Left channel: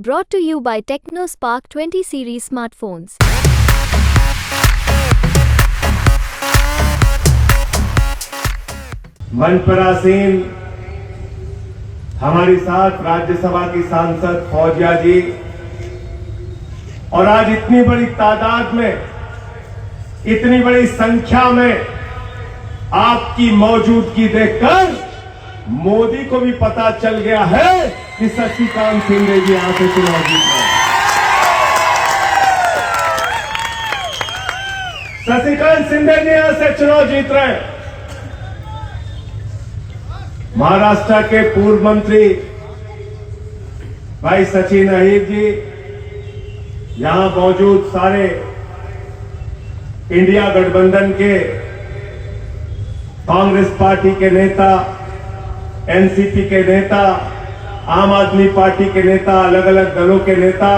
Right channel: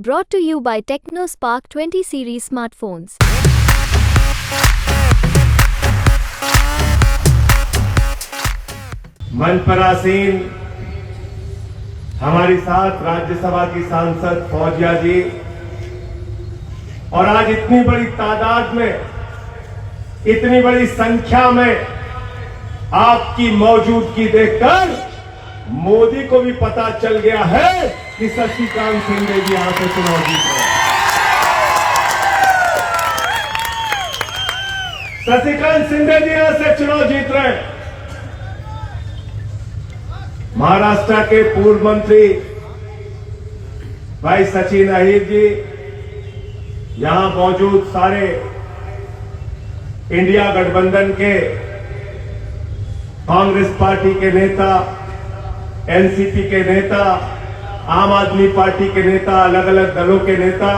Brought to you by TechnoSpark 20 series smartphones. मंच पर आसीन हमारी साथ राज्यसभा की सांसद फौजिया जी और आज इतनी बड़ी तादाद में, इतनी बड़ी संख्या में आपकी मौजूदगी देखकर मोदी को भी पता चल गया है कि शशिकांत शिंदे जी यहां से चुनाव जीत रहे हैं। शशिकांत शिंदे जी यहां से चुनाव जीत रहे हैं। महाराष्ट्र के पूर्व मंत्री भाई सचिन अहिर जी, यहां मौजूद सारे इंडिया गठबंधन के कांग्रेस पार्टी के नेता, एनसीपी के नेता, आम आदमी पार्टी के नेता, अलग अलग दलों के नेता,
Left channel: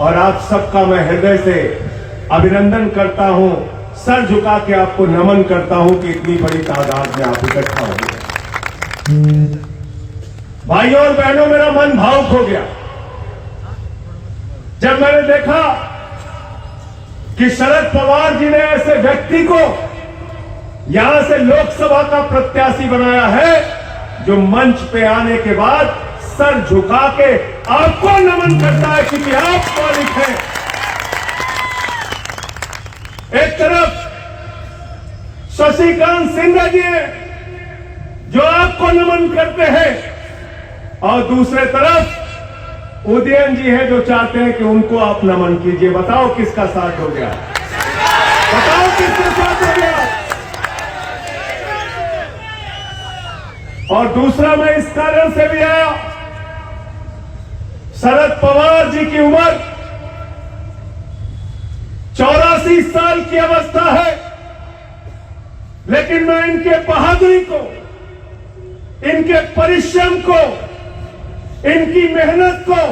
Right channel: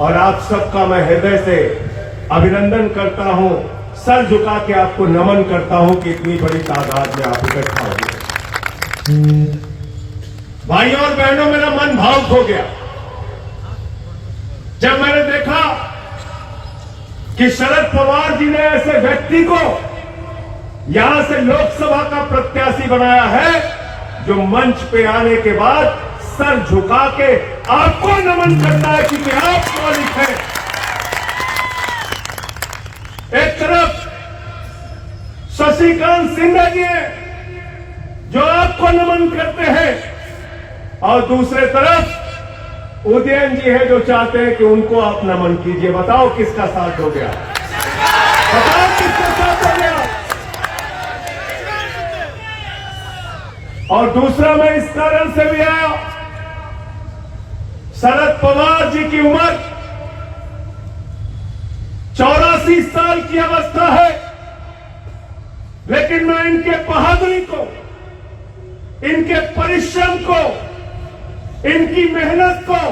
और आप सबका मैं हृदय से अभिनंदन करता हूं, सर झुका के आपको नमन करता हूं कि इतनी बड़ी तादाद में आप इकट्ठा हो गए। भाइयों और बहनों, मेरा मन भावुक हो गया जब मैंने देखा कि शरद पवार जी ने ऐसे व्यक्ति को यहां से लोकसभा का प्रत्याशी बनाया है जो मंच पे आने के बाद सर झुका के आपको नमन करता है कि आप मालिक हैं। एक तरफ शशिकांत शिंदे जी हैं जो आपको नमन करते हैं, और दूसरे तरफ उदयन जी है जो चाहते हैं कि उनको आप नमन कीजिए। बताओ किसका साथ हो गया? बताओ किसका साथ हो गया? और दूसरा, मैं इस कारण से भी आया, शरद पवार जी की उम्र 84 साल की अवस्था है, लेकिन मैं इनके बहादुरी को, इनके परिश्रम को, इनकी मेहनत को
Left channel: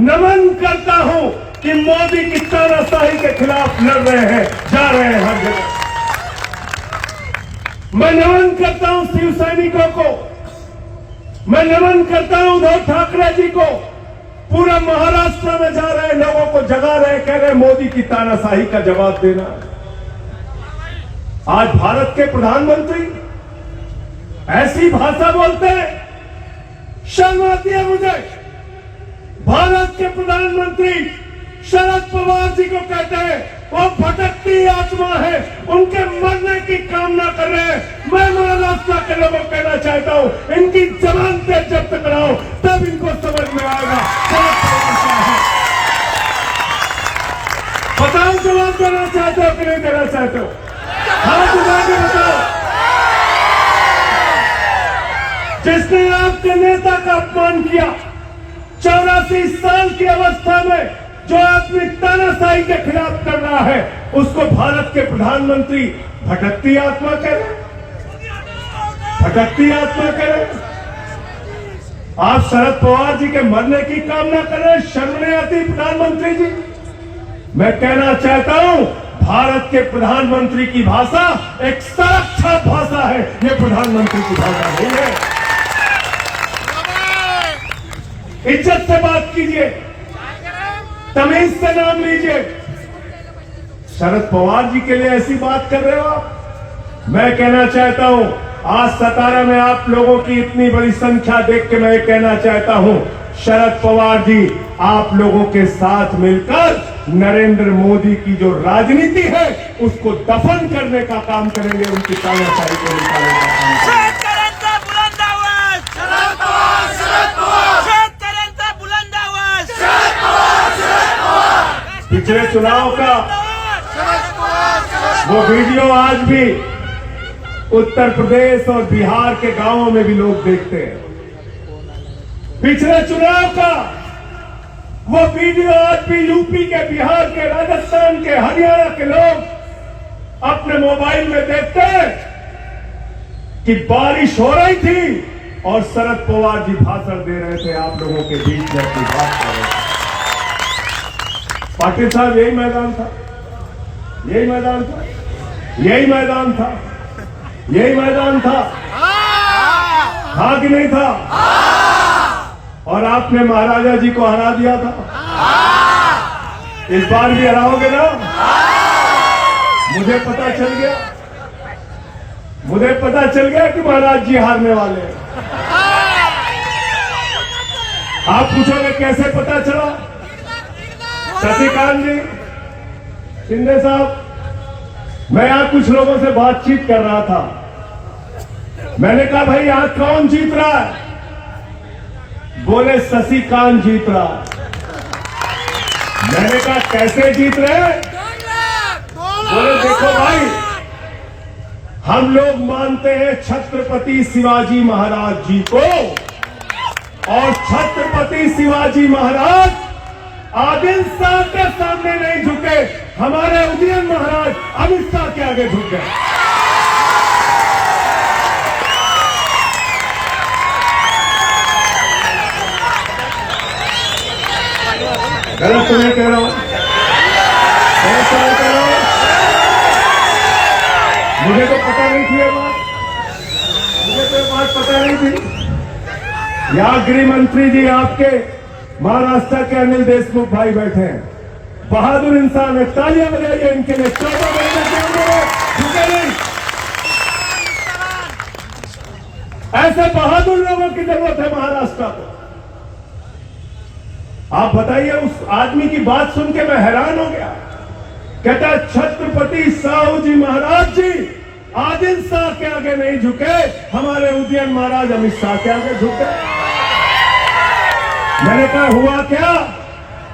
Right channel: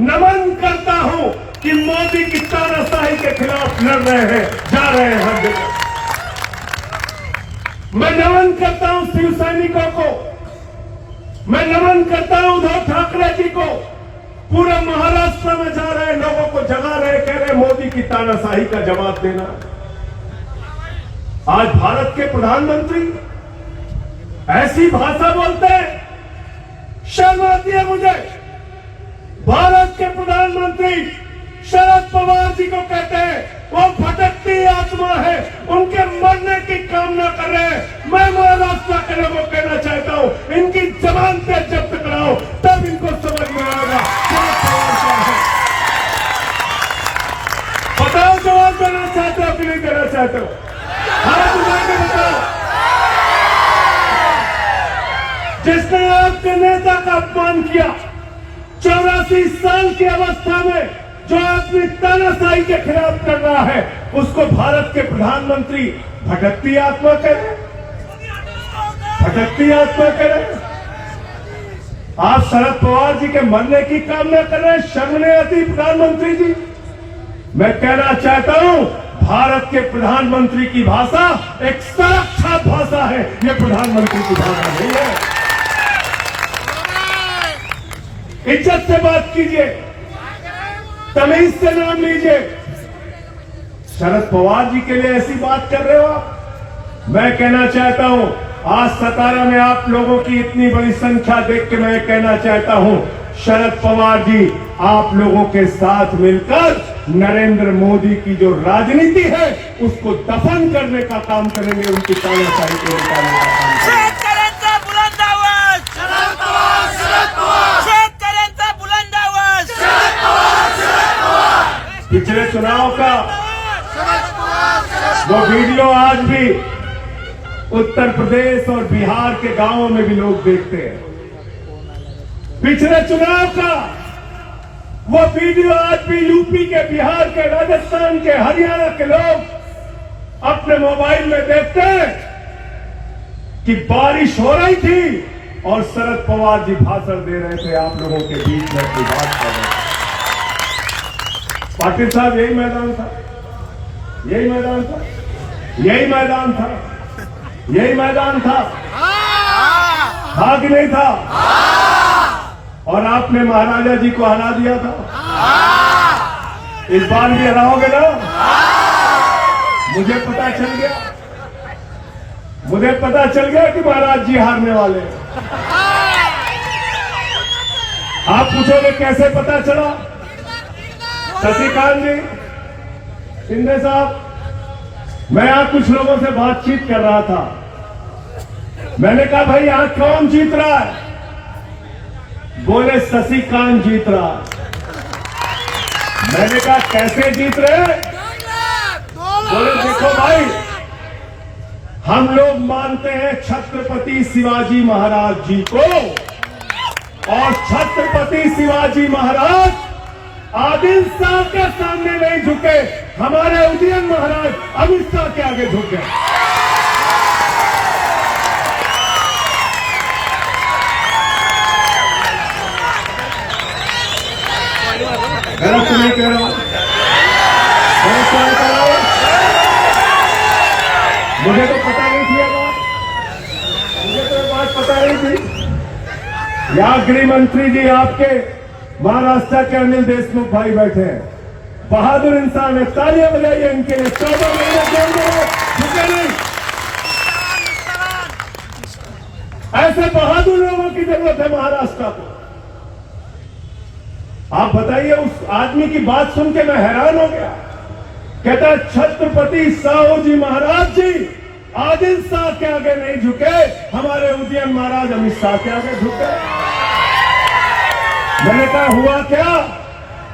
नमन करता हूं कि मोदी की तानाशाही के खिलाफ लड़ रहे हैं, जा रहे हैं हर जगह। मैं नमन करता हूं शिव सैनिकों को, मैं नमन करता हूं उद्धव ठाकरे जी को, पूरे महाराष्ट्र में जा रहे लोगों को जगा रहे, कह रहे मोदी की तानाशाही का जवाब देना। आज भारत के प्रधानमंत्री ऐसी भाषा बोलते हैं, शर्म आती है मुझे। भारत के प्रधानमंत्री शरद पवार जी को कहते हैं वो भटकती आत्मा है, उनके मरने की कामना कर रहे हैं। मैं महाराष्ट्र के लोगों को कहना चाहता हूं, इनकी जबान पे जब्त कराओ, तब इनको समझ में आएगा शरद पवार क्या है। बताओ, जवाब देना चाहते हो कि नहीं देना चाहते हो? हाथ उठा के बताओ। जिसने आपके नेता का अपमान किया, 84 साल की अवस्था में जो अपनी तानाशाही के खिलाफ कर रहा है, उसको भारत के प्रधानमंत्री भटकती आत्मा कह रहे, भटकती आत्मा कह रहे। आप शरद पवार जी के मरने की कामना कर रहे हैं, शर्म नहीं आती प्रधानमंत्री जी? मैं कहना चाहता हूं, भारत के प्रधानमंत्री की भाषा एक सुरक्षा भाषा है, ये प्रधानमंत्री की भाषा नहीं है। इज्जत से बात कीजिए, तमीज से नाम लीजिए। शरद पवार जी के लिए ऐसी बात कर रहे हो आप? मैं कहना चाहता हूं, आज सतारा में आप लोगों की इतनी बड़ी संख्या देख के मैं कहना चाहता हूं, शरद पवार जी आप लोगों के साथ मिलकर नरेंद्र मोदी की जो राजनीति है उसको दफन करने का काम करेंगे, उनकी तानाशाही को निकालने का काम करेंगे। पिछले चुनाव का वो वीडियो आज भी उत्तर प्रदेश और बिहार के गांवों में भी लोग देखते हैं। पिछले चुनाव का वो वीडियो आज भी यूपी के, बिहार के, राजस्थान के, हरियाणा के लोग अपने मोबाइल में देखते हैं कि बारिश हो रही थी और शरद पवार जी भाषण दे रहे थे आप लोगों के बीच में अपनी बात कर रहे थे। पाटिल साहब, यही मैदान था, यही मैदान था, यही मैदान था, यही मैदान था कि नहीं था? और आपने महाराजा जी को हरा दिया था। इस बार भी हराओगे ना? मुझे पता चल गया कि महाराज जी हारने वाले हैं। आप पूछोगे कैसे पता चला? शशिकांत जी, शिंदे साहब, मैं यहां कुछ लोगों से बातचीत कर रहा था। मैंने कहा भाई यहां कौन जीत रहा है? बोले शशिकांत जीत रहा है। मैंने कहा कैसे जीत रहे? बोले देखो भाई, हम लोग मानते हैं छत्रपति शिवाजी महाराज जी को, और छत्रपति शिवाजी महाराज आदिल शाह के सामने नहीं झुके, हमारे उदयन महाराज अमित शाह के आगे झुक गए। गलत तो नहीं कह रहा हूं, गलत तो नहीं कह रहा हूं। मुझे तो पता नहीं थी ये बात, मुझे तो ये बात पता नहीं थी। यहाँ गृह मंत्री जी आपके महाराष्ट्र के अनिल देशमुख भाई बैठे हैं, बहादुर इंसान है, तालियां बजाइए इनके लिए। 14 झुके नहीं। ऐसे बहादुर लोगों की जरूरत है महाराष्ट्र को। आप बताइए, उस आदमी की बात सुन के मैं हैरान हो गया। कहता है छत्रपति साहू जी महाराज जी आदिल शाह के आगे नहीं झुके, हमारे उदयन महाराज अमित शाह के आगे झुके। मैंने कहा हुआ क्या,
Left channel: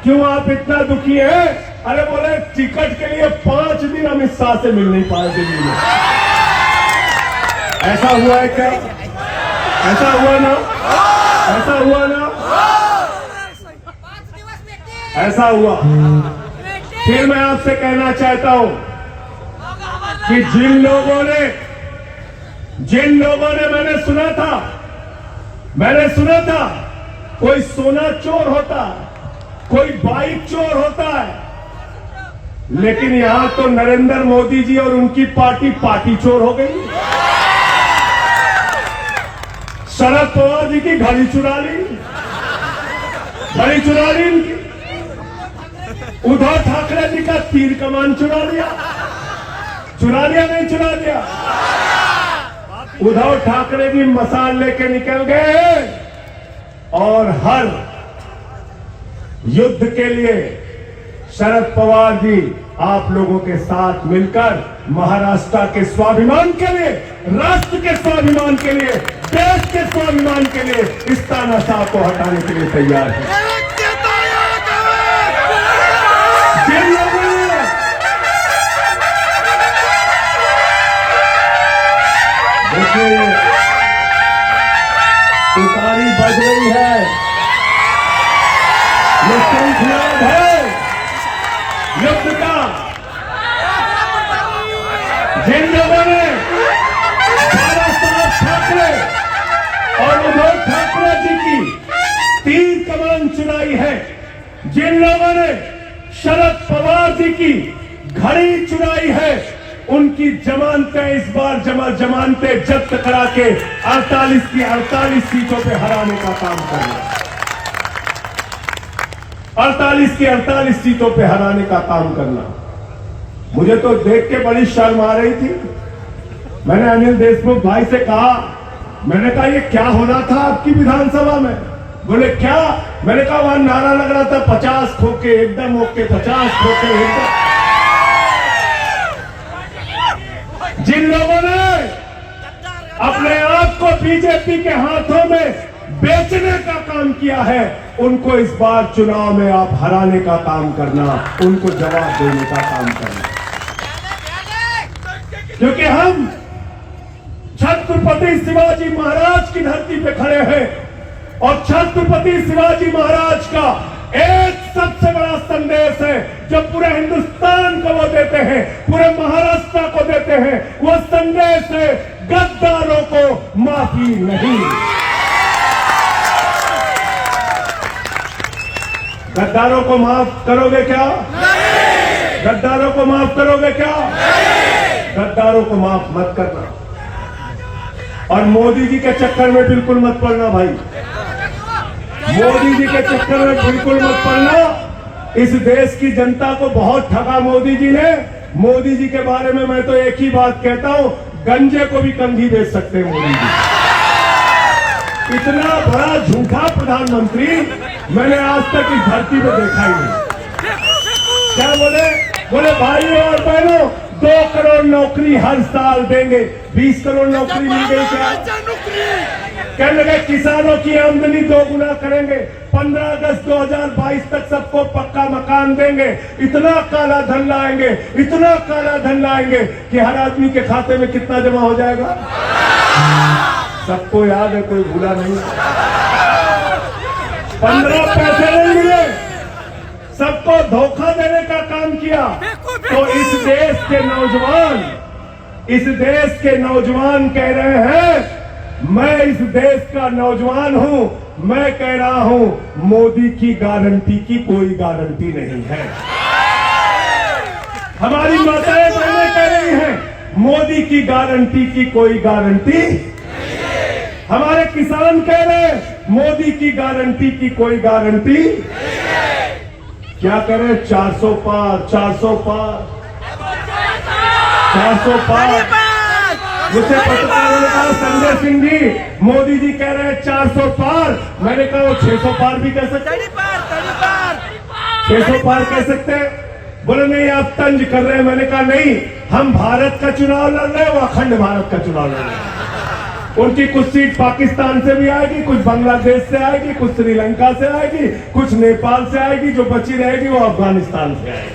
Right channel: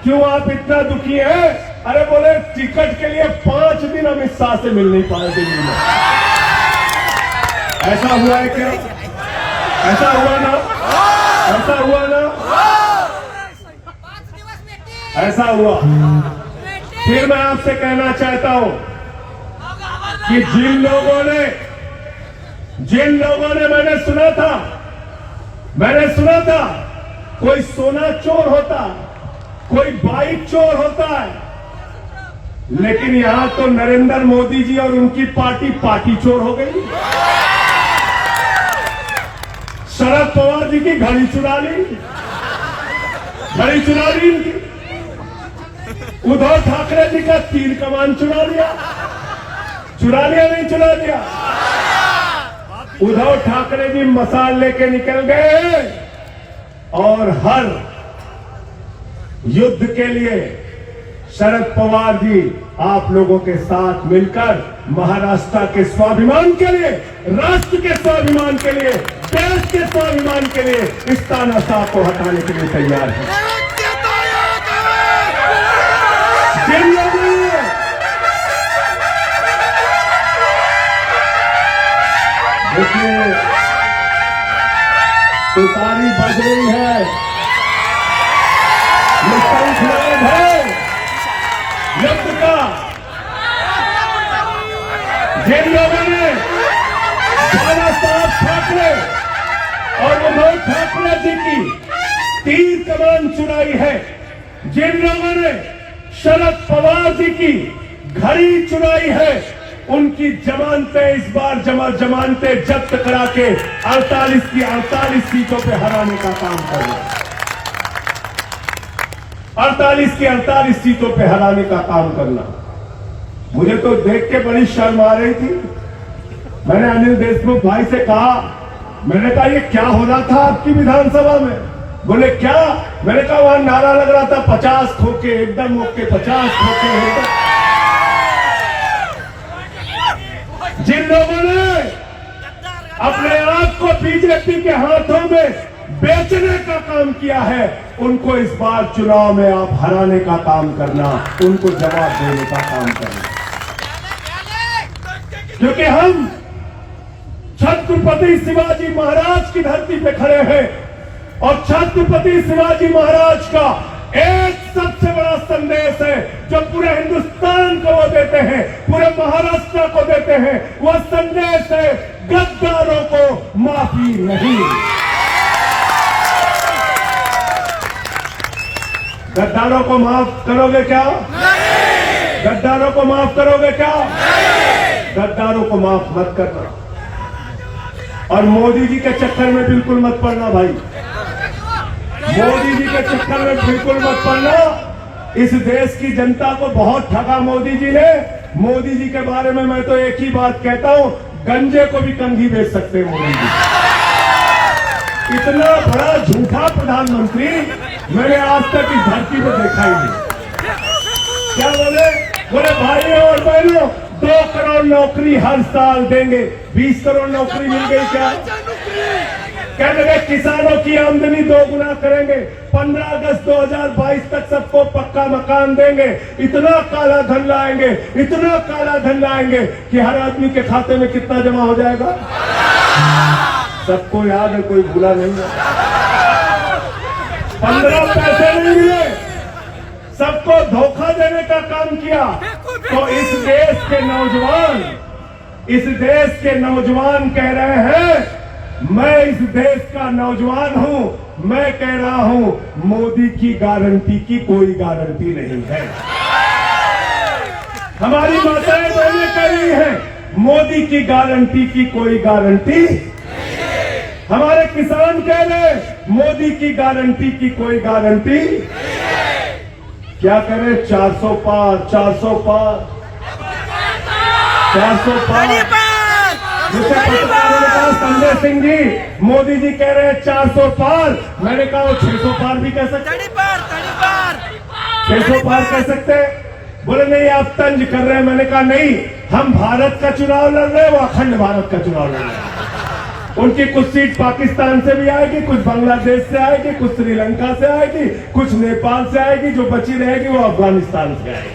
क्यों आप इतना दुखी हैं? अरे बोले टिकट के लिए 5 दिन अमित शाह से मिल नहीं पाए दिल्ली में। ऐसा हुआ है क्या? ऐसा हुआ ना? ऐसा हुआ ना? ऐसा हुआ। फिर मैं आपसे कहना चाहता हूं कि जिन लोगों ने मैंने सुना था कोई सोना चोर होता, कोई बाइक चोर होता है, लेकिन यहां तो नरेंद्र मोदी जी और उनकी पार्टी चोर हो गई। शरद पवार जी की घड़ी चुरा ली इनकी। उद्धव ठाकरे जी का तीर कमान चुरा लिया नहीं चुरा लिया? उद्धव ठाकरे जी मसाल लेके निकल गए और हर युद्ध के लिए शरद पवार जी आप लोगों के साथ मिलकर महाराष्ट्र के स्वाभिमान के लिए, राष्ट्र के स्वाभिमान के लिए, देश के स्वाभिमान के लिए इस तानाशाह को हटाने के लिए तैयार है। देखिए तुतारी बज रही है, ये शंखनाद है युद्ध का। जिन लोगों ने बाला साहब ठाकरे और उद्धव ठाकरे जी की तीर कमान चुराई है, जिन लोगों ने शरद पवार जी की घड़ी चुराई है, उनकी जमानतें इस बार जमानतें जब्त करा के 48 की 48 सीटों पे हराने का काम करना। 48 की 48 सीटों पे हराने का काम करना। मुझे तो देख के बड़ी शर्म आ रही थी। मैंने अनिल देशमुख भाई से कहा, मैंने कहा ये क्या हो रहा था आपकी विधानसभा में? बोले क्या? मैंने कहा वहां नारा लग रहा था 50 खोके एकदम ओके, 50 खोके एकदम। जिन लोगों ने अपने आप को बीजेपी के हाथों में बेचने का काम किया है, उनको इस बार चुनाव में आप हराने का काम करना, उनको जवाब देने का काम करना। क्योंकि हम छत्रपति शिवाजी महाराज की धरती पे खड़े हैं और छत्रपति शिवाजी महाराज का एक सबसे बड़ा संदेश है जो पूरे हिंदुस्तान को वो देते हैं, पूरे महाराष्ट्र को देते हैं। वो संदेश है गद्दारों को माफी नहीं। गद्दारों को माफ करोगे क्या? नहीं। गद्दारों को माफ करोगे क्या? नहीं। गद्दारों को माफ मत करना और मोदी जी के चक्कर में बिल्कुल मत पड़ना भाई। मोदी जी के चक्कर में बिल्कुल मत पड़ना। इस देश की जनता को बहुत ठगा मोदी जी ने। मोदी जी के बारे में मैं तो एक ही बात कहता हूं, गंजे को भी कंघी बेच सकते हैं मोदी जी। इतना बड़ा झूठा प्रधानमंत्री मैंने आज तक इस धरती पर देखा ही नहीं। क्या बोले भाई और बहनों, 2 करोड़ नौकरी हर साल देंगे। 20 करोड़ नौकरी मिल गई क्या? कहने लगे किसानों की आमदनी 2 गुना करेंगे। 15 अगस्त 2022 तक सबको पक्का मकान देंगे। इतना काला धन लाएंगे, इतना काला धन लाएंगे कि हर आदमी के खाते में कितना जमा हो जाएगा सबको याद है, कोई भूला नहीं है। 15 पैसे नहीं मिले, सबको धोखा देने का काम किया। तो इस देश के नौजवान कह रहे हैं, मैं इस देश का नौजवान हूं, मैं कह रहा हूं मोदी की गारंटी की कोई गारंटी नहीं है। हमारी माताएं बहनें कह रही हैं, मोदी की गारंटी की कोई गारंटी। हमारे किसान कह रहे हैं, मोदी की गारंटी की कोई गारंटी। क्या करें? 400 पार, 400 पार, 400 पार। जिसे पत्रकारों ने कहा संजय सिंह जी, मोदी जी कह रहे हैं 400 पार। मैंने कहा वो 600 पार भी कह सकते, 600 पार कह सकते हैं। बोले नहीं आप तंज कर रहे हैं। मैंने कहा नहीं, हम भारत का चुनाव लड़ रहे हैं, वो अखंड भारत का चुनाव लड़ रहे हैं। उनकी कुछ सीट पाकिस्तान से भी आएगी, कुछ बांग्लादेश से आएगी, कुछ श्रीलंका से आएगी, कुछ नेपाल से आएगी, जो बची रहेगी वो अफगानिस्तान से आएगी।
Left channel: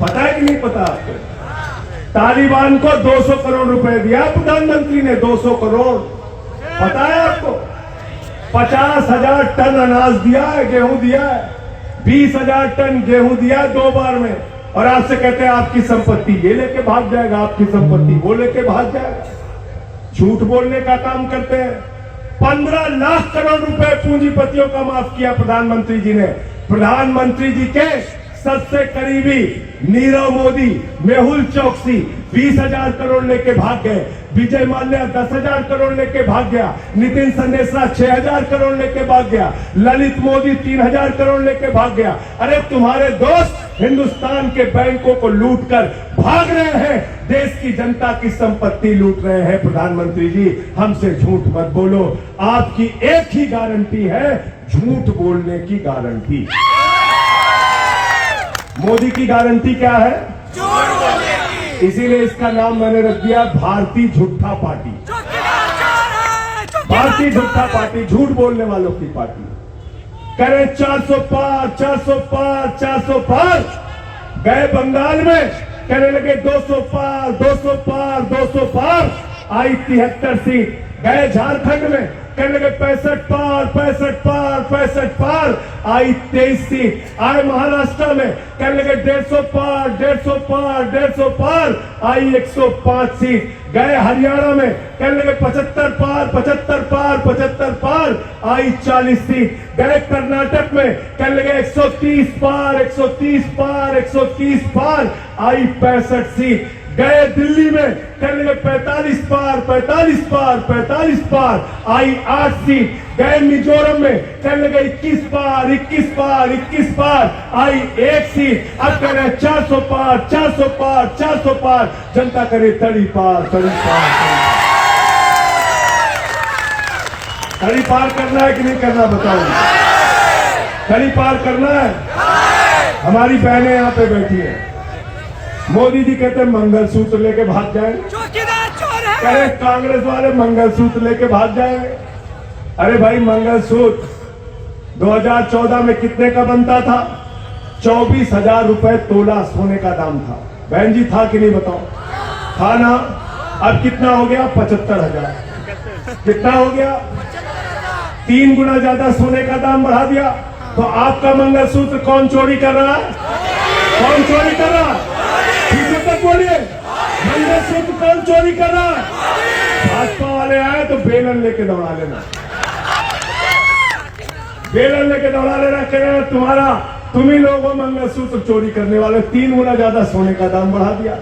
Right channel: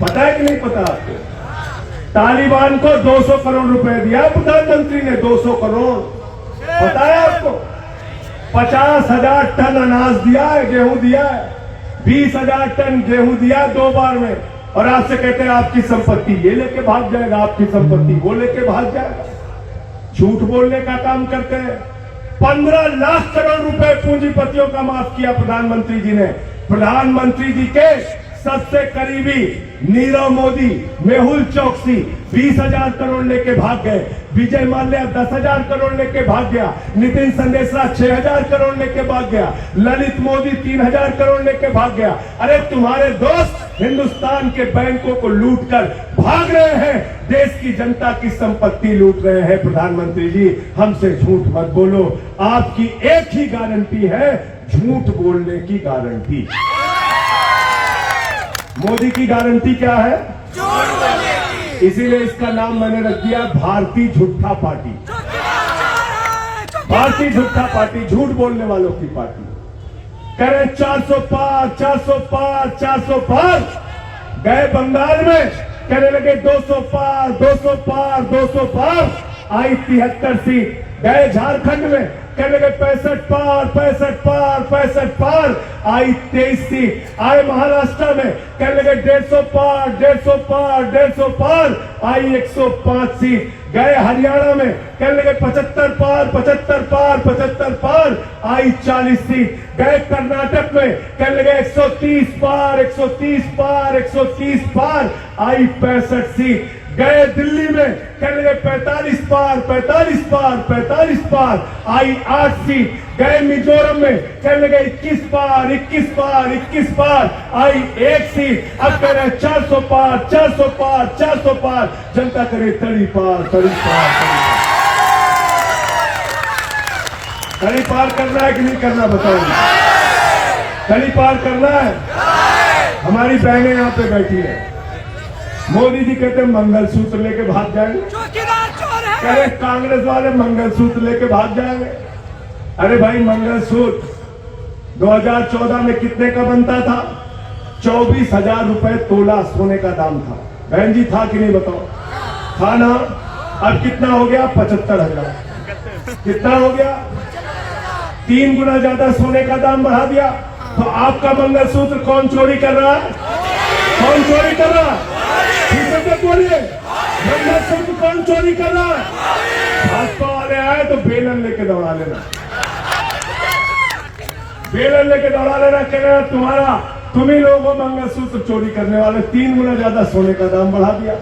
पता है कि नहीं पता आपको? तालिबान को 200 करोड़ रुपए दिया प्रधानमंत्री ने, 200 करोड़। पता है आपको? 50,000 टन अनाज दिया है, गेहूं दिया है, 20,000 टन गेहूं दिया 2 बार में। और आपसे कहते हैं आपकी संपत्ति ये लेके भाग जाएगा, आपकी संपत्ति वो लेके भाग जाएगा। झूठ बोलने का काम करते हैं। 15 लाख करोड़ रुपए पूंजीपतियों का माफ किया प्रधानमंत्री जी ने। प्रधानमंत्री जी के सबसे करीबी नीरव मोदी, मेहुल चौकसी 20,000 करोड़ लेके भाग गए। विजय माल्या 10,000 करोड़ लेके भाग गया। नितिन संदेशा 6,000 करोड़ लेके भाग गया। ललित मोदी 3,000 करोड़ लेके भाग गया। अरे तुम्हारे दोस्त हिंदुस्तान के बैंकों को लूट कर भाग रहे हैं, देश की जनता की संपत्ति लूट रहे हैं। प्रधानमंत्री जी हमसे झूठ मत बोलो। आपकी एक ही गारंटी है, झूठ बोलने की गारंटी। मोदी की गारंटी क्या है? झूठ बोलने की। इसीलिए इसका नाम मैंने रख दिया भारतीय झूठा पार्टी। भारतीय झूठा पार्टी, झूठ बोलने वालों की पार्टी। कह रहे 400 पार, 400 पार, 400 पार। गए बंगाल में कहने लगे 200 पार, 200 पार, 200 पार। आई 73 सीट। गए झारखंड में कहने लगे 65 पार, 65 पार, 65 पार। आई 23 सीट। आए महाराष्ट्र में कहने लगे 150 पार, 150 पार, 150 पार। आई 105 सीट। गए हरियाणा में कहने लगे 75 पार, 75 पार, 75 पार। आई 40 सीट। गए कर्नाटक में कहने लगे 130 पार, 130 पार, 130 पार। आई 65 सीट। गए दिल्ली में कहने लगे 45 पार, 45 पार, 45 पार। आई 8 सीट। गए मिजोरम में कहने लगे 21 पार, 21 पार, 21 पार। आई 1 सीट। अब कह रहे 400 पार, 400 पार, 400 पार। जनता करे 30 पार, 30 पार। 30 पार करना है कि नहीं करना बताओ? 30 पार करना है। हमारी बहनें यहाँ पे बैठी है। मोदी जी कहते हैं मंगलसूत्र लेके भाग जाए। कहे कांग्रेस वाले मंगलसूत्र लेके भाग जाएंगे। अरे भाई मंगलसूत्र 2014 में कितने का बनता था? 24,000 रुपए तोला सोने का दाम था। बहन जी था कि नहीं बताओ? था ना। अब कितना हो गया? 75,000। कितना हो गया? 3 गुना ज्यादा सोने का दाम बढ़ा दिया। तो आपका मंगलसूत्र कौन चोरी कर रहा है? कौन चोरी कर रहा है? बोलिए, मंगलसूत्र कौन चोरी कर रहा है? भाजपा वाले आए तो बेलन लेके दौड़ा लेना, बेलन लेके दौड़ा लेना। कह रहे तुम्हारा, तुम ही लोग हो मंगलसूत्र चोरी करने वाले। 3 गुना ज्यादा सोने का दाम बढ़ा दिया।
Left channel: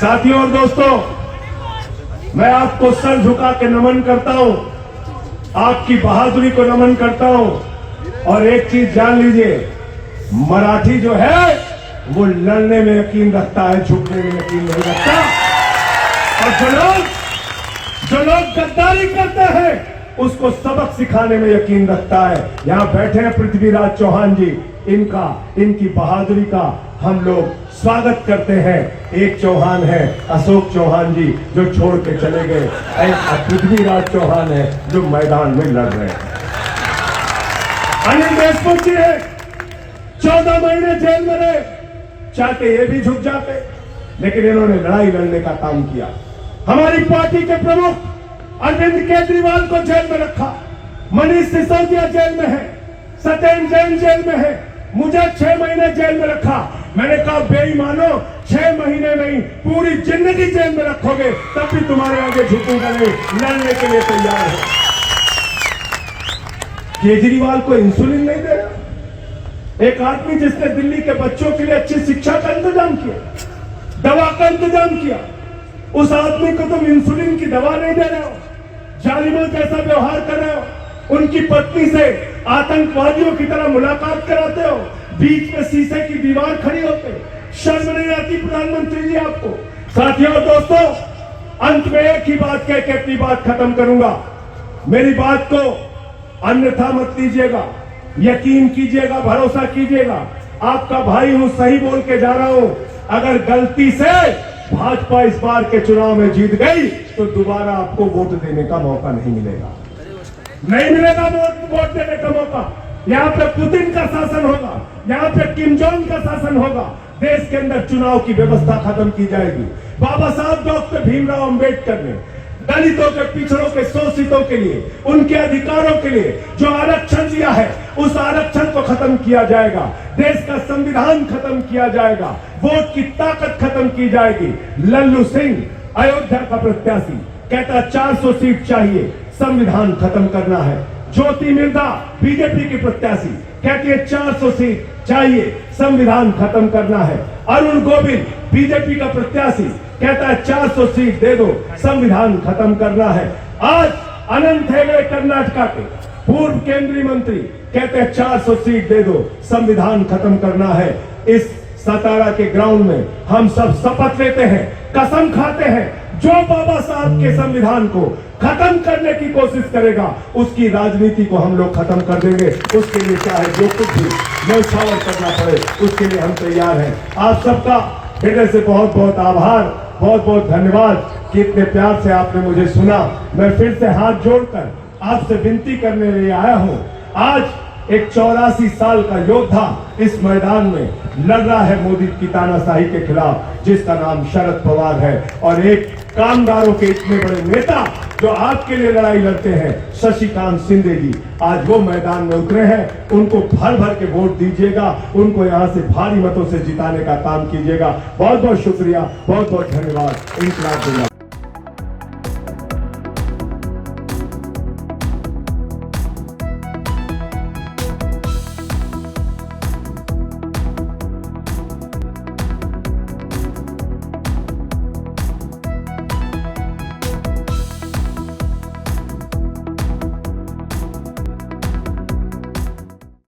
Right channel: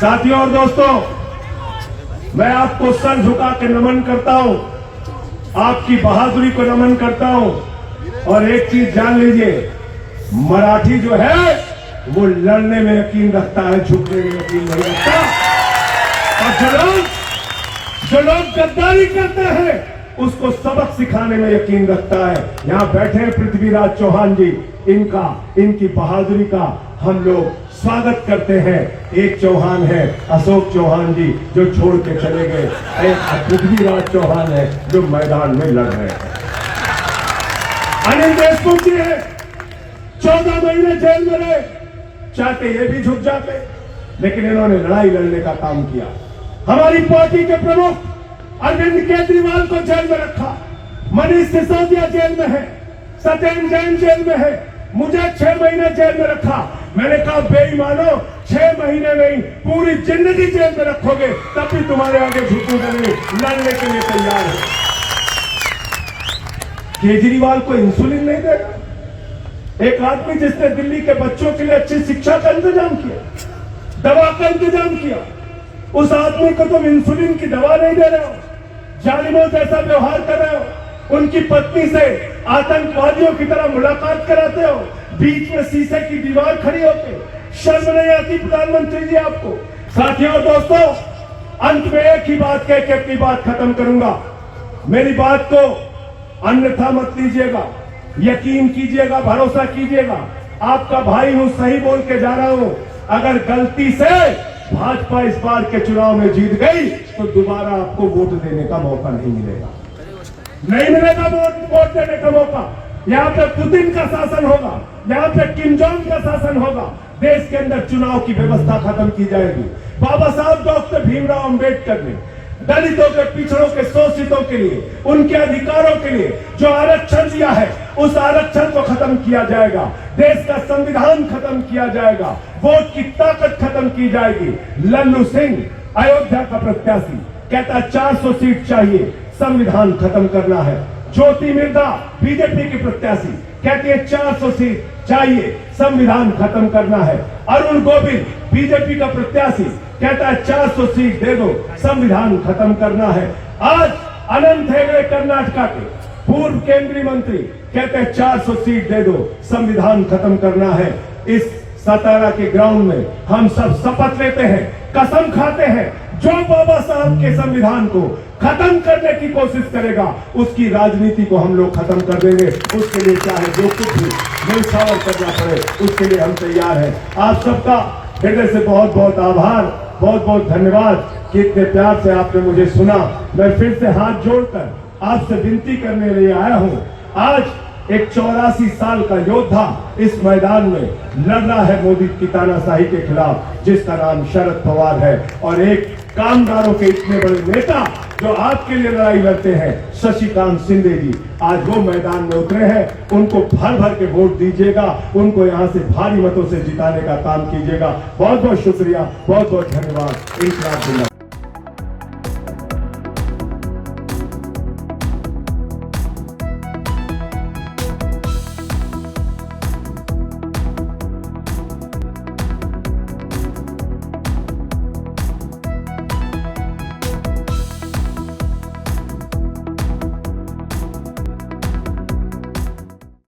साथियों और दोस्तों, मैं आपको सर झुका के नमन करता हूं। आपकी बहादुरी को नमन करता हूं। और एक चीज जान लीजिए, मराठी जो है वो लड़ने में यकीन रखता है, झुकने में यकीन नहीं रखता। और जो लोग गद्दारी करते हैं उसको सबक सिखाने में यकीन रखता है। यहां बैठे हैं पृथ्वीराज चौहान जी, इनकी बहादुरी का हम लोग स्वागत करते हैं। एक चौहान है अशोक चौहान जी जो छोड़ के चले गए, एक पृथ्वीराज चौहान है जो मैदान में लड़ रहे हैं। अनिल देशमुख जी है, 14 महीने जेल में रहे, चाहते ये भी झुक जाते, लेकिन इन्होंने लड़ाई लड़ने का काम किया। हमारी पार्टी के प्रमुख अरविंद केजरीवाल को जेल में रखा, मनीष सिसोदिया जेल में है, सत्येंद्र जैन जेल में है, मुझे 6 महीने जेल में रखा। मैंने कहा बेईमानो, 6 महीने नहीं पूरी जिंदगी जेल में रखोगे तब भी तुम्हारे आगे झुकूंगा नहीं, लड़ने के लिए तैयार है। केजरीवाल को इंसुलिन नहीं देता, एक आदमी जिसने दिल्ली के बच्चों के लिए अच्छी शिक्षा का इंतजाम किया, दवा का इंतजाम किया, उस आदमी को तुम इंसुलिन की दवा नहीं दे रहे हो, जालिमों जैसा व्यवहार कर रहे हो, उनकी पत्नी से आतंकवादियों की तरह मुलाकात कराते हो, बीच में शीशे की दीवार खड़ी होते, शर्म नहीं आती प्रधानमंत्री जी आपको? साथियों दोस्तों, अंत में एक ही बात कह के अपनी बात खत्म करूंगा। मेरी बात को अन्यथा मत लीजिएगा, यकीन कीजिएगा, भरोसा कीजिएगा। आपका भाई हूं, सही बोल के जा रहा हूं। अगर गलती से भाजपा इस बार के चुनाव में जीत गई तो दोबारा आपको वोट देने का मौका नहीं मिलेगा, नहीं मिलेगा वोट देने का मौका। यहाँ पे पुतिन का शासन होगा, यहाँ पे किम जोंग का शासन होगा। देश के अंदर चुनाव की व्यवस्था खत्म की जाएगी। बाबा साहब डॉक्टर भीमराव अंबेडकर ने दलितों के, पिछड़ों के, शोषितों के लिए, उनके अधिकारों के लिए जो आरक्षण दिया है उस आरक्षण को खत्म किया जाएगा। देश का संविधान खत्म किया जाएगा, वोट की ताकत खत्म की जाएगी। लल्लू सिंह अयोध्या का प्रत्याशी कहता 400 सीट चाहिए, संविधान खत्म करना है। ज्योति मिर्धा बीजेपी की प्रत्याशी कहती है 400 सीट चाहिए, संविधान खत्म करना है। अरुण गोविल बीजेपी का प्रत्याशी कहता है 400 सीट दे दो, संविधान खत्म करना है। आज अनंत हेगड़े कर्नाटका के पूर्व केंद्रीय मंत्री कहते हैं 400 सीट दे दो, संविधान खत्म करना है। इस सतारा के ग्राउंड में हम सब शपथ लेते हैं, कसम खाते हैं, जो बाबा साहब के संविधान को खत्म करने की कोशिश करेगा उसकी राजनीति को हम लोग खत्म कर देंगे। उसके लिए चाहे जो कुछ भी न्यौछावर करना पड़े, उसके लिए हम तैयार हैं। आप सबका हृदय से बहुत बहुत आभार, बहुत बहुत धन्यवाद कि इतने प्यार से आपने मुझे सुना। मैं फिर से हाथ जोड़कर आपसे विनती करने लिए आया हूं। आज एक 84 साल का योद्धा इस मैदान में लड़ रहा है मोदी की तानाशाही के खिलाफ, जिसका नाम शरद पवार है। और एक कामगारों के इतने बड़े नेता जो आपके लिए लड़ाई लड़ते हैं, शशिकांत शिंदे जी, आज वो मैदान में उतरे हैं। उनको भर भर के वोट दीजिएगा, उनको यहां से भारी मतों से जिताने का काम कीजिएगा। बहुत बहुत शुक्रिया, बहुत बहुत धन्यवाद। इंकलाब जिंदाबाद।